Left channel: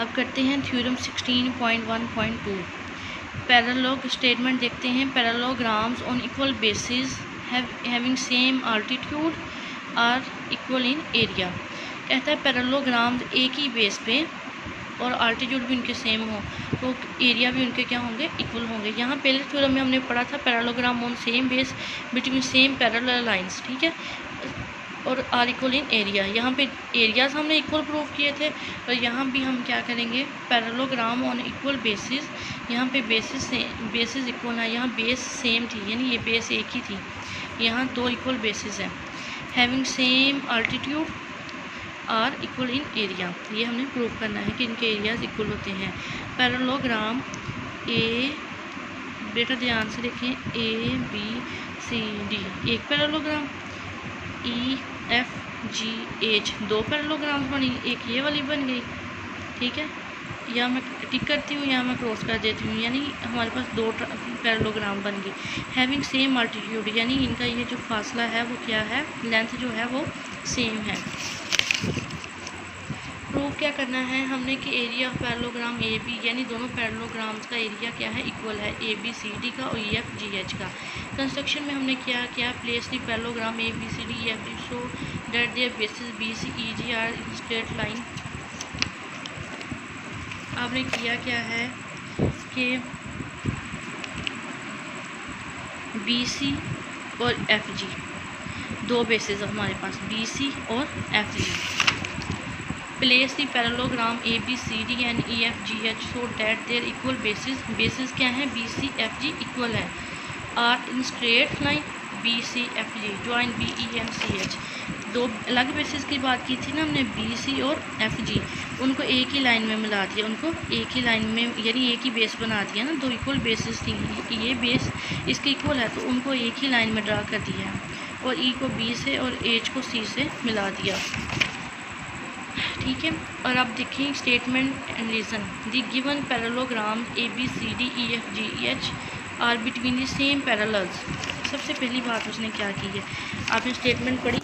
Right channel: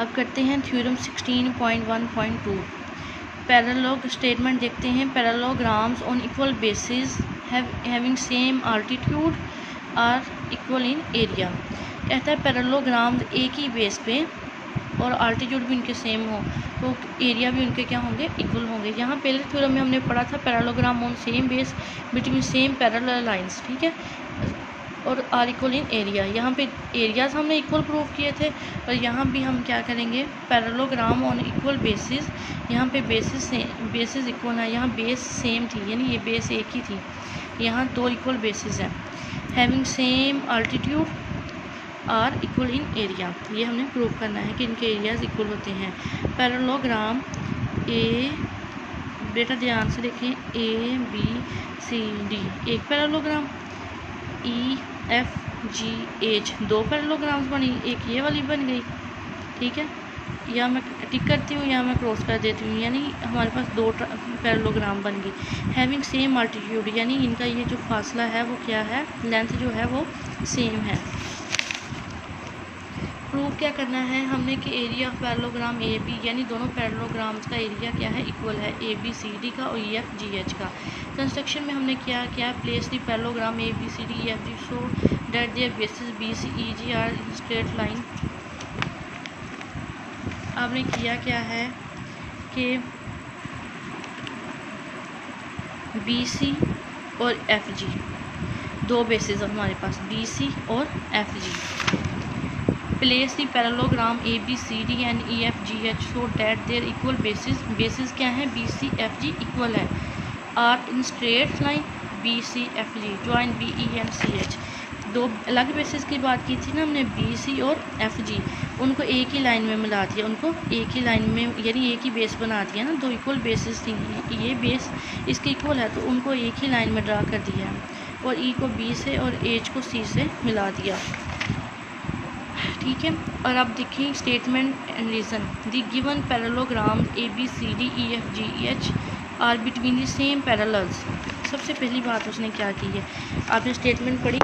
अब करते हैं थ्योरम 16.1.2 पैरेललोग स्टेटमेंट देखते हैं। Parallelograms on equal bases having same altitude are equal in area. कहता है पैरेललोग्राम्स एक ही बेस पे और अल्टीट्यूड भी उनके सेम हो तो एरिया भी उनके क्या होंगे, इक्वल होंगे। यहाँ पहले थ्योरम में हमने पढ़ा था parallelogram on same base between same parallel lines, ठीक है, और आर इक्वल इन एरिया। यहाँ पे एरियाज हमने इक्वल प्रूव किए थे और यहाँ भी हम क्या करेंगे, पैरेललोग्राम ऑन इक्वल बेसिस। यहाँ पे बेसिस इक्वल है, यहाँ बेस सेम थी यानी ये बेस एक ही थी, यहाँ दो इक्वल बेसिस हैं। Having same altitude are equal in area, ये हमने प्रूव करना है कि इनके एरियाज इक्वल होते हैं। पैरेललोग्राम ए, बेटा ध्यान से देखें, ए बी सी डी एक parallelogram, E F G H दो पैरेललोग्राम्स बनी, एक ये वाली बन गई, ठीक है। या मैं टिक करती हूँ या मैं क्रॉस कर देती हूँ, यानी हमारे पास दो पैरेललोग्राम बन गई। हैविंग सेम अल्टीट्यूड, यानी इनका ये जो फासला है वो क्या है, लेंथ जो है वो सेम है। प्रूव क्या करना है हमने कि area of parallelogram A B, यानी दोनों पैरेललोग्राम्स का एरिया क्या है, इक्वल है, ए बी सी डी का और ई एफ जी एच का। कंस्ट्रक्शन में हमने क्या किया, place the parallelogram A B C D E F G so that their bases B C E G are in straight line. आपने किया क्या है कि बी सी और एफ जी दो बेसिस हमारे पास, बी सी और F G. Place the parallelogram A B C D and E F G H so that their equal bases क्या है, B C F G equal है, are in straight line B C F G join B E and C H. दो अलग basis की बात की थी ना हमने, बी सी और एफ जी, उनको एक ही लाइन में मिला दिया, उनको एक ही लाइन में यानी एक ही बेस बना दिया ना, दो इक्वल बेसिस थी, ये बेस इसके इक्वल है तो उनको एक ही लाइन में ड्रा कर दिया और ई को बी से और एच को सी से मिला दिया, ठीक है। और अब देखिए statement and reason. The given parallelogram A B C D E F G E H are between the same parallels. सबसे पहली बात उसने क्या की है, आपने स्टेटमेंट पढ़ी,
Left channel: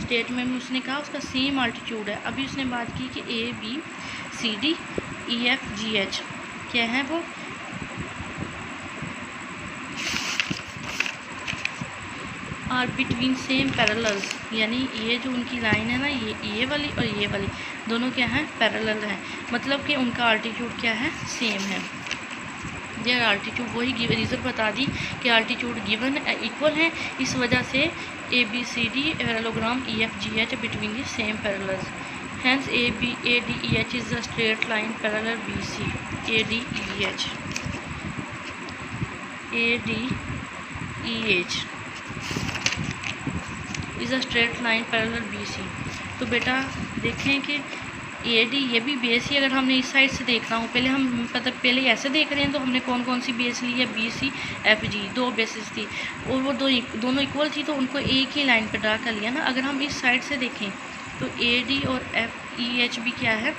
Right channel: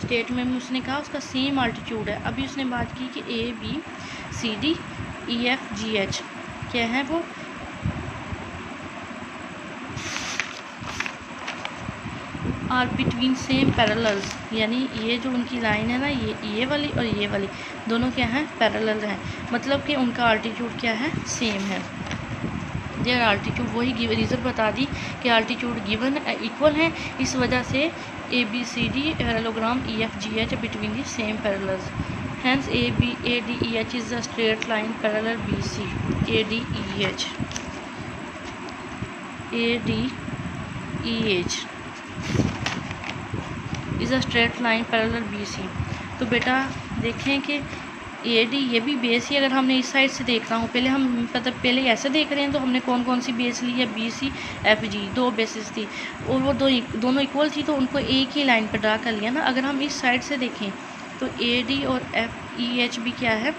स्टेटमेंट में उसने कहा उसका सेम अल्टीट्यूड है। अभी उसने बात की कि A B C D E F G H क्या है, वो आर बिटवीन सेम पैरेलल्स, यानी ये जो उनकी लाइन है ना, ये वाली और ये वाली दोनों क्या है, पैरेलल हैं, मतलब कि उनका अल्टीट्यूड क्या है, सेम है। देयर अल्टीट्यूड, वही रीज़न बता दी कि अल्टीट्यूड गिवन इक्वल है, इस वजह से A B C D parallelogram E F G H between the same parallels. Hence A D E H is a straight line parallel B C. A D E H, A D E H is a straight line parallel B C. तो बेटा देखें कि A D ये भी base ही, अगर हमने इस side से देख रहा हूँ, पहले हम मतलब पहले ऐसे देख रहे हैं तो हमने कौन कौन सी बेस ली है, बी सी एफ जी दो बेसिस थी और वो दोनों इक्वल थी तो उनको एक ही लाइन पर ड्रा कर लिया ना। अगर हम इस साइड से देखें तो ए डी और एफ ई एच भी क्या है,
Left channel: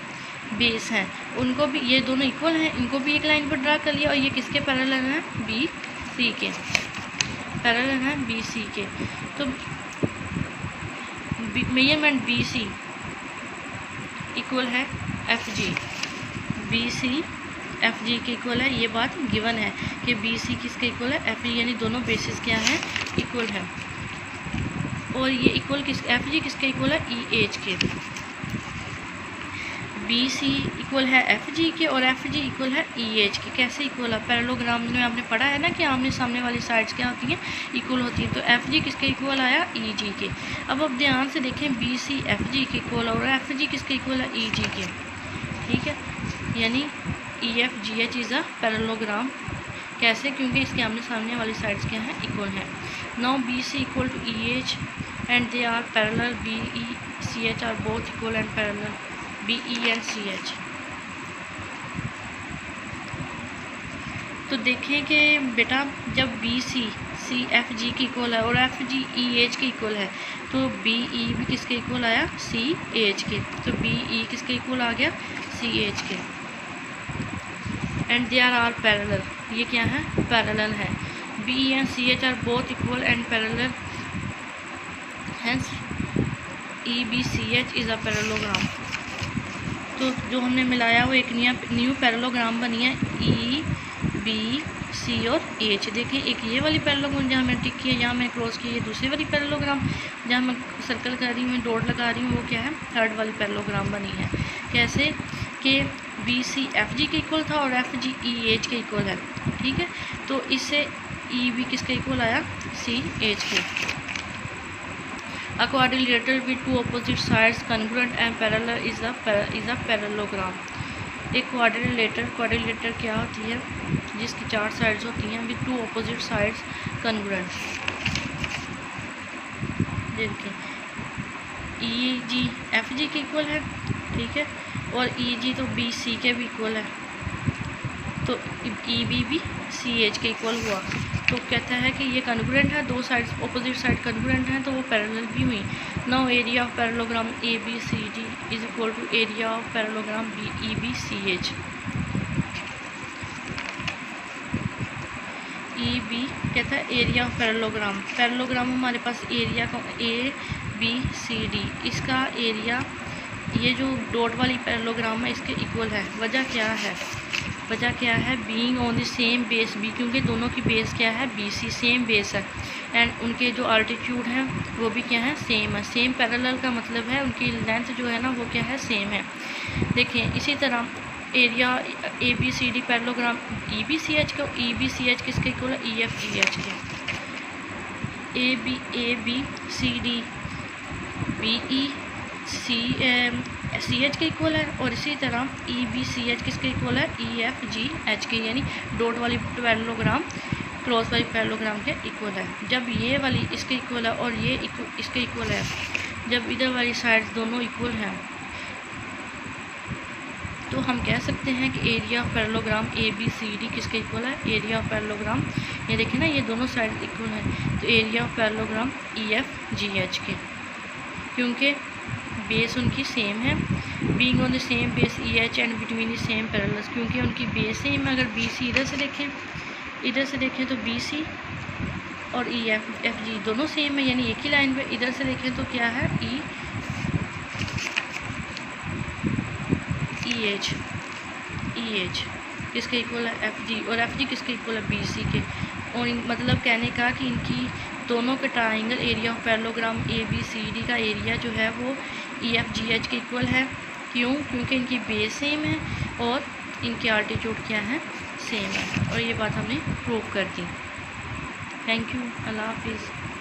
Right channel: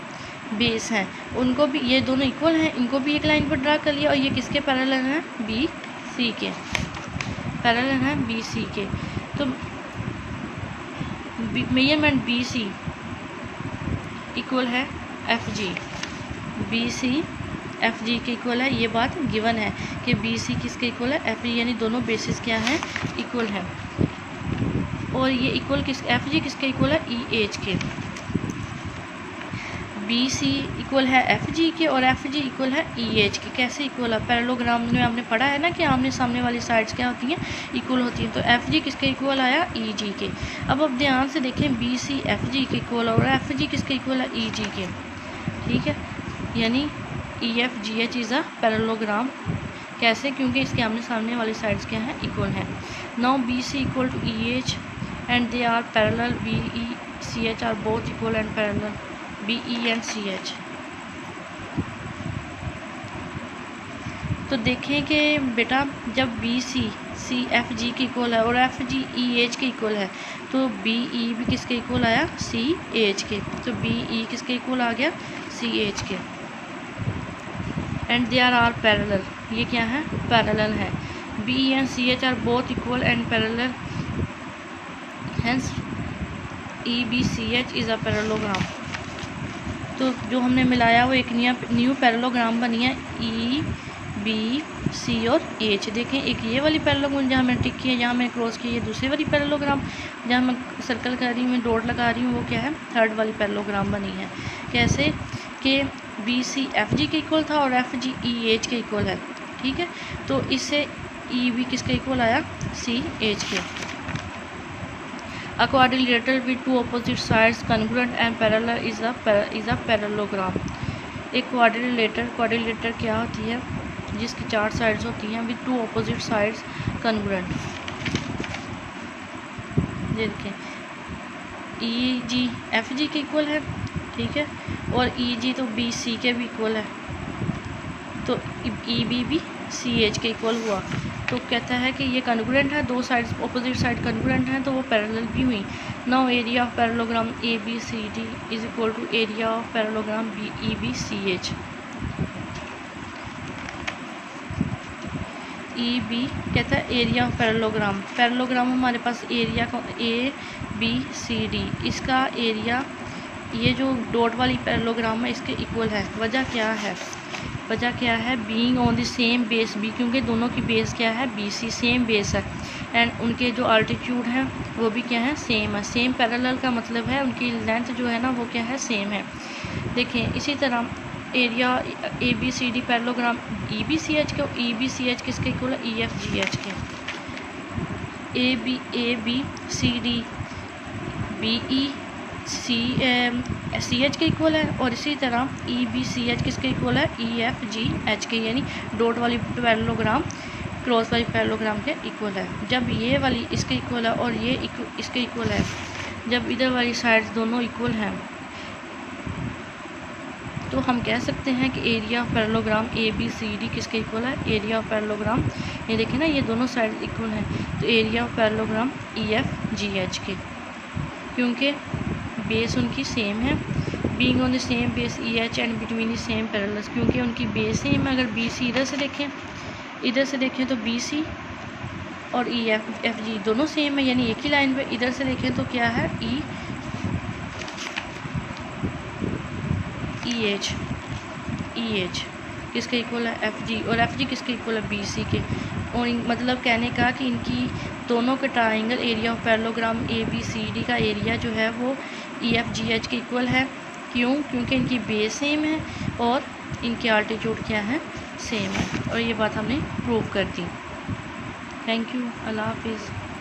बेस हैं, उनको भी ये दोनों इक्वल हैं, इनको भी एक लाइन पर ड्रा कर लिया और ये किसके पैरेलल हैं, बी सी के पैरेलल हैं, बी सी के। तो मेजरमेंट बी सी इक्वल है F G, B C F G के इक्वल है, ये बात गिवन है कि बी सी किसके इक्वल है, एफ जी, यानी दोनों बेसिस क्या है, इक्वल है। और ये इक्वल किस, एफ जी किसके इक्वल है, ई एच के। बी सी इक्वल है एफ जी के और एफ जी इक्वल है ई एच के। कैसे इक्वल है, पैरेललोग्राम में आपने पढ़ा है ना कि आमने सामने वाली साइड्स क्या होती हैं, इक्वल होती हैं। तो एफ जी किसके इक्वल आया, ई जी के। अब आप ध्यान से देखें, बी सी एफ जी के इक्वल और एफ जी किसके इक्वल है, ई जी के, ठीक है। यानी ई F G H is a parallelogram. कैसे, क्योंकि इसके आमने सामने वाली साइड्स क्या हैं, इक्वल हैं। Now B C equal to E H and they are parallel, B E C H are both equal and parallel, B E and C H. तो देखें कि बेटा जब बी सी सी एफ जी के equal है और F G E H के equal है तो बी ई भी किसके इक्वल आया, सी एच के। तो बी ई किसके इक्वल आ गया, सी एच के। एंड दे आर पैरेलल, ये क्या है, पैरेलल है। B and C H are both equal and parallel, hence E B C H is a parallelogram. तो जो हमने मिलाया वो एक न्यू पैरेललोग्राम बनी है ई बी सी और एच। देखें एक ये वाली पैरेललोग्राम जहाँ मैंने टिक किया, यहाँ मैंने क्रॉस की, ये दूसरी वाली पैरेललोग्राम जहाँ मैं सर्कल कर रही हूँ, डॉट लगा रही हूँ, वो क्या है थर्ड वाली पैरेललोग्राम बनी है। कैसे कि बी सी एफ जी के इक्वल था और एफ जी ई एच के इक्वल है, ठीक है। तो इससे ई बी किसके इक्वल आया, सी एच के। A quadrilateral with two opposite sides congruent and parallel is a parallelogram। एक क्वाड्रिलेटर क्या होती है, जिसकी 4 साइड्स होती हैं, with two opposite sides congruent. देखिए ई जी एफ जी के इक्वल है, ठीक है, और ई जी तो बी सी के भी इक्वल है, तो ई बी भी सी एच के इक्वल हुआ। तो कहता है कि ये कन्ग्रुएंट है, दो साइड्स अपोजिट साइड कन्ग्रुएंट हैं, तो वो पैरेलल भी हुई। Now area of parallelogram A B C D is equal to area of parallelogram B E B C H. E B कहता है एरिया ऑफ पैरेललोग्राम हमारे पास एरिया का ए बी सी डी, इसका एरिया ये जो डॉट वाली parallelogram है इसके इक्वल है। वजह क्या है, being on the same base B, क्योंकि दोनों की बेस क्या है बी सी, सेम बेस है, एंड उनके जो अल्टीट्यूड है वो भी क्या है सेम है। सेम पैरेलल का मतलब है उनकी लेंथ जो है ना वो क्या है सेम है। देखें इसी तरह area A B C D parallelogram E B C H को, ई बी सी एच किसके इक्वल है, ई एफ जी एच के। A B C D B E C H के इक्वल है, और इसी तरह ई बी सी एच किसके इक्वल है, ई एफ जी एच के, यानी डॉट वाली पैरेललोग्राम क्रॉस वाली पैरेललोग्राम के इक्वल है। जब ये वाली इसके इक्वल है और ये इसके इक्वल है, जब इधर वाली साइड्स दोनों इक्वल हैं, तो हम कह सकते हैं कि area of parallelogram A B C D किसके इक्वल है, एरिया ऑफ पैरेललोग्राम, ये देखें ना ये दोनों साइड इक्वल हैं, तो area of parallelogram E F G H के, क्योंकि बेस उनकी सेम है। Being on the same base E H and between the same parallels, क्योंकि उनकी बेस सेम है। अगर बी सी इधर से देखें तो बी सी और ई एफ जी दोनों सेम है, यानी एक ही लाइन पे। इधर से देखें तो क्या है ई एच किसके इक्वल है, एफ जी, और एफ जी किसके इक्वल है, बी सी के। और मतलब कहने का कि इनकी दोनों के triangle area of parallelogram A B C D का एरिया जो है वो ई एफ जी एच के इक्वल है। क्यों, क्योंकि इनकी बेस सेम है और इनके आल्टीट्यूड क्या है सेम है, और ये बात हमने प्रूव कर दी। थैंक यू, अल्लाह हाफिज़।